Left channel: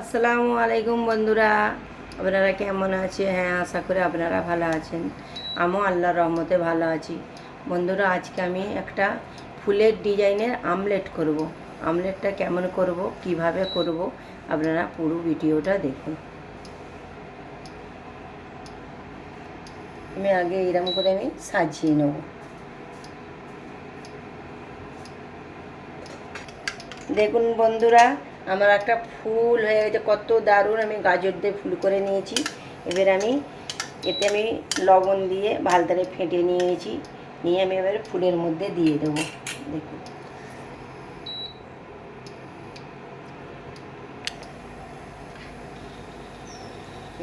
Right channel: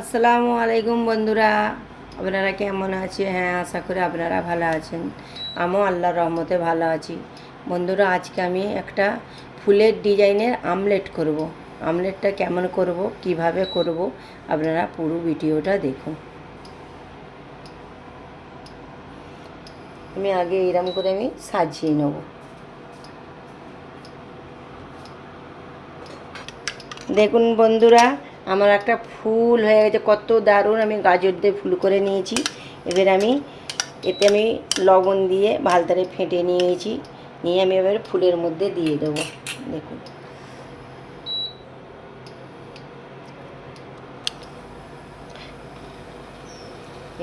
আসসালামু আলাইকুম বন্ধুরা, আপনারা কেমন আছেন? হ্যাঁ, আশা করি আপনারা ভালো আছেন। আমিও আল্লাহর রহমতে ভালো আছি। বন্ধুরা, আজকে আমি একটা ফুলের ডিজাইনের আমলেট করব। আমলেটটা কেমন করব, কিভাবে করব, আপনারা পুরো ভিডিওটা দেখুন। আমি আগে এরকম করে আমি সাজিয়ে নেব। দেখুন বন্ধুরা, আমার একটা ফুল হয়ে গেছে, কত দারুণ। আমি গাজর দিয়ে ফুল করে নিয়েছি। এবার এতে আমি লবণ দিয়ে ভালতারে ফেটে নিয়েছি। নিয়ে আমি এবার ফুলের মধ্যে দিয়ে দেবো। দেখুন,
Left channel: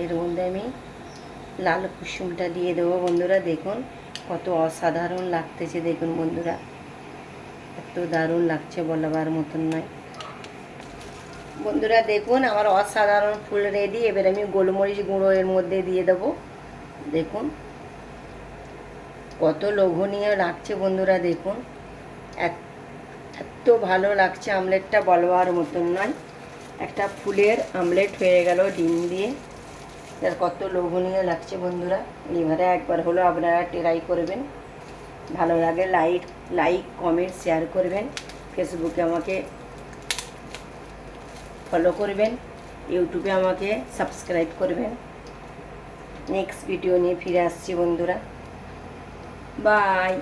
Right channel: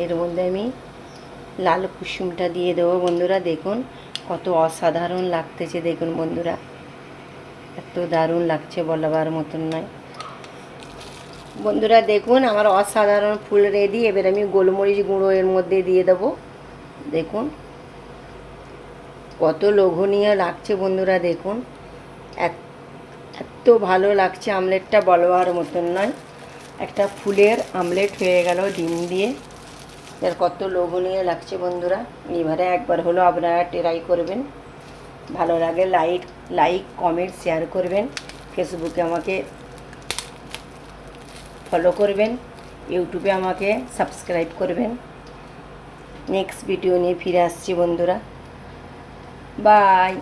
এর মধ্যে আমি লাল কুসুমটা দিয়ে দেবো। বন্ধুরা দেখুন, কত অসাধারণ লাগতেছে। দেখুন বন্ধুরা, এত দারুণ লাগছে, বলাবার মতন নয়। বন্ধুরা দেখুন, আমার অসাধারণ ফুল রেডি। এবার আমি গোলমরিচ গুঁড়ো এর মধ্যে দিয়ে দেবো। দেখুন কত লোভনীয় লাগছে বন্ধুরা। দেখুন, এত ভালো লাগছে আমলেটটা, বলবার মতন নয়। একটা ফুলের আমলেট হয়ে গেল ডিম দিয়ে। এর কত লোভনীয় লাগছে বন্ধুরা। এবারে একবার হলো আপনারা ট্রাই করবেন। ভালো লাগে লাইক কমেন্ট শেয়ার করবেন। ফেসবুকে আমাকে ফলো করবেন, ইউটিউবে আমাকে সাবস্ক্রাইব করবেন। নেক্সট ভিডিও নিয়ে ফিরে আসছি বন্ধুরা। বাই।